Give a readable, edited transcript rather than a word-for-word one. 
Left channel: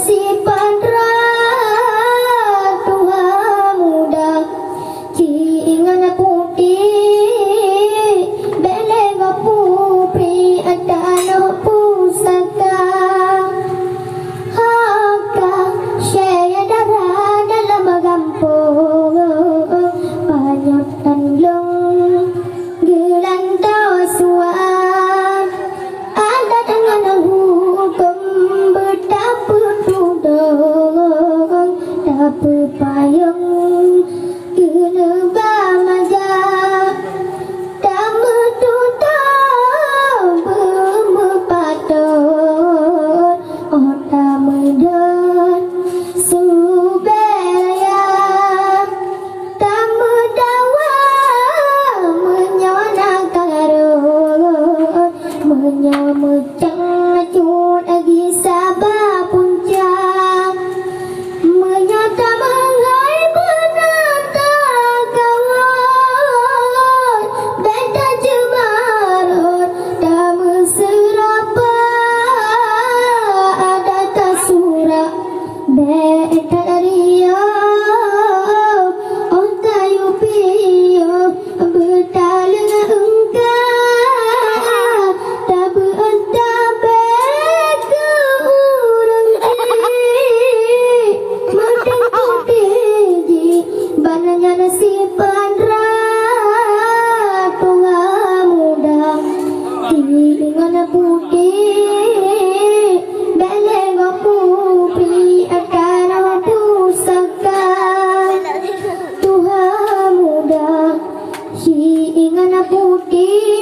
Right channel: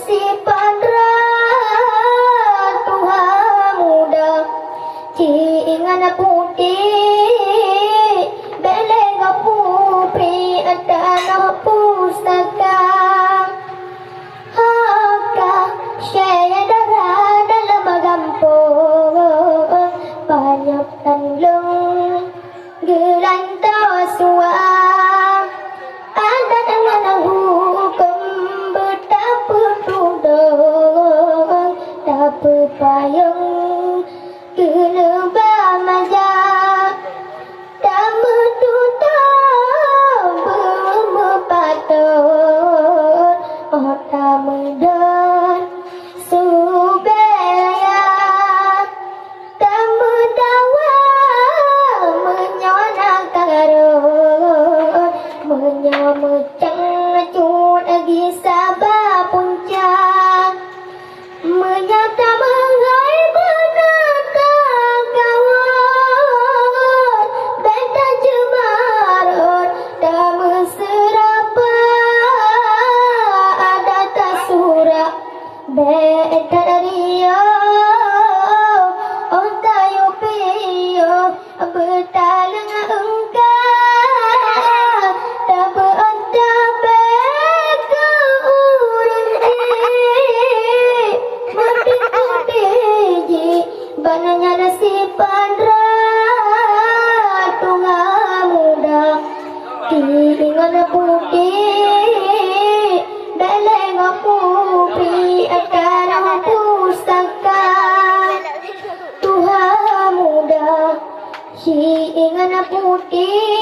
si padra Tuhan muda Ingan putih Beleng pupri Adana pusaka Haka Syaya darah dalam gampung Banyak tanlung Gelantau suam Ada dengan hukum Betapa tudung Tak payung Kena bamaja Tak metutau Bermepatut Oh tak medon Subaya Tak medawa Menyonak karut Menyamecang Cut lagi sabar puncak Menyata mengai benatang kawan Benta jemarut Tak meserapa Ada tak surat Benta rio Oh tayo piyo Bertalang engkau Tak berentak beka urang Makin kuteji Bananya nasib padra Tuhan muda Ingan putih Beleng pupri Adana pusaka Tuhan muda Si ingan putih